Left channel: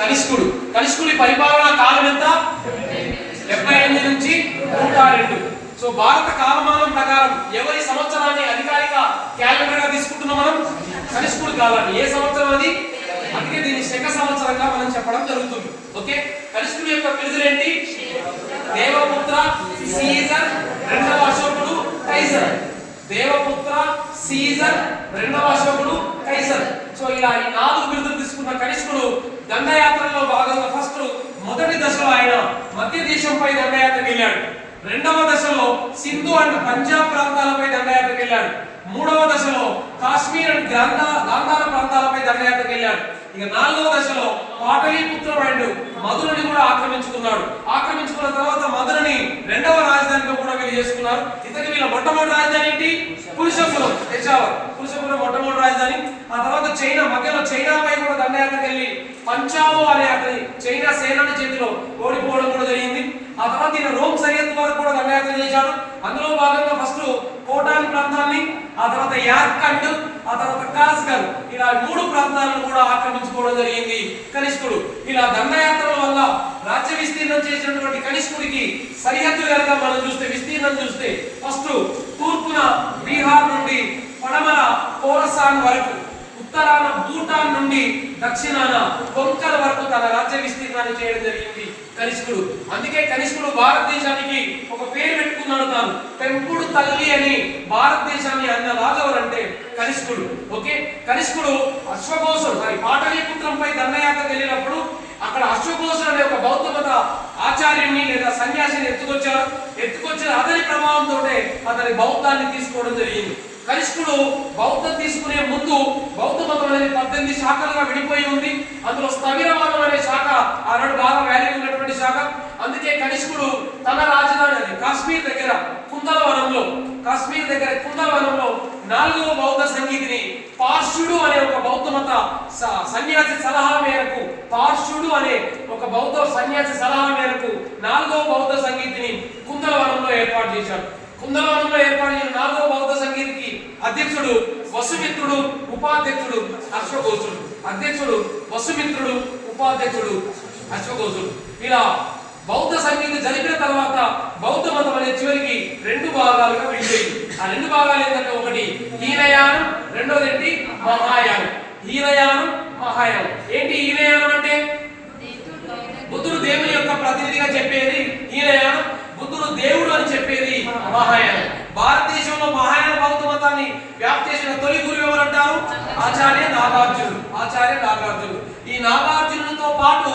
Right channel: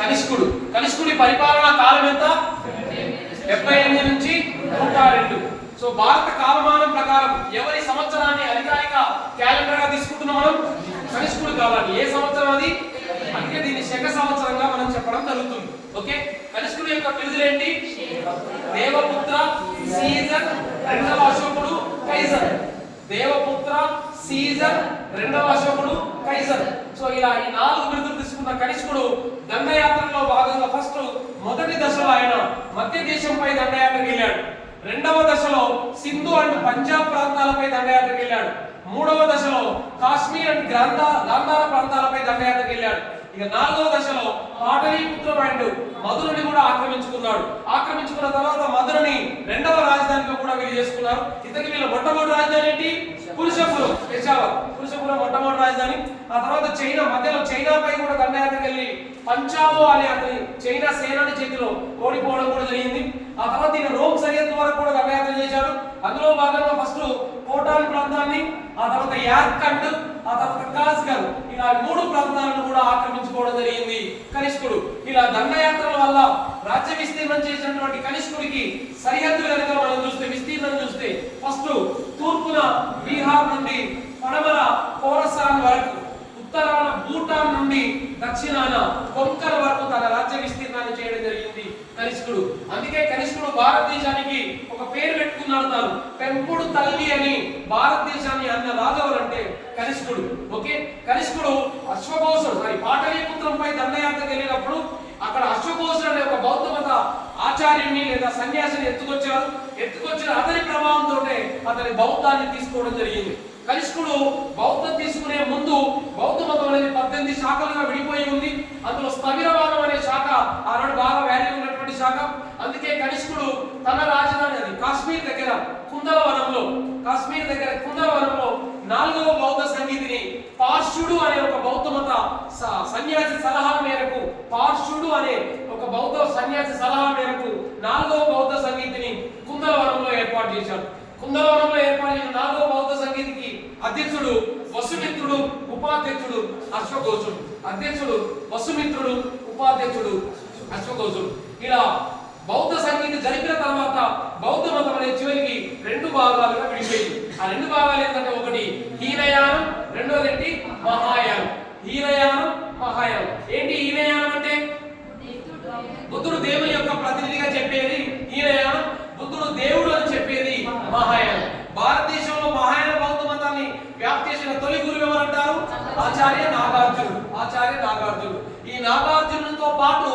కనిష్కుడు. కనిష్కుడి పరిపాలన కాలం ఎంత? 78 నుంచి 102. సో భారత కాలమానం ప్రకారం ఎవరి సంవత్సరాన్ని అధికారిక క్యాలెండర్ గా తీసుకుంటున్నాం మనం? కనిష్కుడి కాలాన్ని. ఏ సంవత్సరం అది? అందుకే దీన్ని శక సంవత్సరంగా మనం చెప్పడం జరుగుతుంది. ఓకే, కనిష్కుడి యొక్క బిరుదులు ఏంటి? దేవపుత్ర, సీజర్, రెండవ అశోకుడు, కైజర్. దేవపుత్ర, సీజర్, రెండవ అశోకుడు, కైజర్. సో ఇలా ఈ 4 బిరుదులు తీసుకున్న కనిష్కుడు దండయాత్రలో భాగంగా మొదటి దశలో ఆయన మధ్య దేశంపై దండయాత్రకు వెళ్ళాడు. రెండవ దశలో సింధు అండ్ పంజాబ్ ప్రాంతాలపై దండయాత్రకు వెళ్ళాడు. మూడవ దశలో కాశ్మీర్ అండ్ గాంధార ప్రాంతాలపై దండయాత్రకు వెళ్ళాడు. ఇక 4వ దశలో పాటలీపుత్రం అండ్ మధురని కూడా ఆక్రమించుకున్నాడు. ఆక్రమించుకున్న తర్వాత మధురని రెండవ రాజధానిగా కూడా వీళ్ళు చేసుకున్నారు. ఇతనికి వీళ్ళ మొట్టమొదటి రాజధాని ఏంటి? పురుషపురం, పెషావర్. పురుషపురం మొట్టమొదటి రాజధాని. ఆ తర్వాత చైనా, మధ్యలో చైనాపై కూడా దండయాత్రకు వెళ్ళి పంచావో అనే అతని చైనా సేనాని చేతిలో ఓడిపోవడం కూడా జరిగింది. ఆ తర్వాత ఈయన రోమ్ సరిహద్దు వరకు కూడా దండయాత్ర చేశాడు. అందులో భాగంగా ఫస్ట్ కోటాన్ ప్రాంతాన్ని, ఆ తర్వాత యార్కండ్, ఆ తర్వాత కాస్గర్, ఇలా 3 ప్రాంతాలను కూడా ఆక్రమించుకోవడం జరిగింది కనిష్కుడు. ఇలా దండయాత్రల వల్ల రాజ్య విస్తీర్ణం చేసినటువంటి కనిష్కుడికి సరిహద్దులు కనుక మనం చూస్తే, విస్తీర్ణం చూస్తే ఫస్ట్ తూర్పున బీహార్ నుండి పడమర ఖోరసాన్ వరకు, ఉత్తరాన భూటాన్ నుండి దక్షిణాన కొంకల్ వరకు తన రాజ్య విస్తీర్ణాన్ని చేయడం జరిగింది కనిష్కుడు. అందుకే కనిష్కుడు భారతదేశానికి ఒక పేరు పెట్టుకున్నాడు తాను. పెంపుడు తల్లి అని భారతదేశాన్ని అన్న రాజు ఎవరంటే కనిష్కుడు. ఓకే, కనిష్కుడు అశ్వఘోషుడు పాటలీపుత్రంపై దండయాత్రకు వెళ్ళినప్పుడు అక్కడ అశ్వఘోషుడు అనే ఒక బౌద్ధ మత ఆచార్యుని లేదా సన్యాసిని ఎత్తుకొచ్చిన అతని ప్రభావంతో అతని బౌద్ధాన్ని తీసుకోవడం జరిగింది. కనిష్కుడు బౌద్ధం తీసుకునే ముందు బౌద్ధ మతం అనేది 18 శాఖలుగా విడిపోయి ఉంది. అందులో స్థవిరవాదం అనే శాఖ ఆనాడు బాగా వాల్యూ ఉన్నటువంటి శాఖ. అందుకే కనిష్కుడు తన రాజధాని అది కాశ్మీర్ దగ్గర కుందలవనంలో 4వ బౌద్ధ సంగీతిని పార్ష్యుడు అనే ఒక బౌద్ధ మత సన్యాసి సలహా మేరకు 4వ బౌద్ధ సంగీతిని కుందలవనంలో ఏర్పాటు చేశాడు. కుందలవనంలో ఏర్పాటు చేసిన 4వ బౌద్ధ సంగీతికి అధ్యక్షుడు వసుమిత్రుడు, ఉపాధ్యక్షుడు అశ్వఘోషుడు. అధ్యక్షుడు వసుమిత్రుడు, ఉపాధ్యక్షుడు అశ్వఘోషుడు. ఇలా బౌద్ధ సంగీతి జరిపిన తర్వాత బౌద్ధ మతం అనే చివరికి 2 భాగాలుగా విడిపోయింది. ఆ 2 భాగాలు ఏంటంటే ఒకటి హీనయానం, రెండోది ఏంటి మహాయానం. హీనయానం, మహాయానం. ఏంటి హీనయానం అంటే? బుద్ధుడు దేవుని యొక్క ప్రతినిధిగా చెప్పేది హీనయానం, బుద్ధుడు దేవుడు అని చెప్పేది మహాయానం. భారతదేశంలో మహాయాన బౌద్ధ మతాన్ని వ్యాప్తి చేసిన తొలి గురువు ఎవరంటారు? ఆచార్య నాగార్జునుడు. ఈ నాగార్జునుడితో పాటు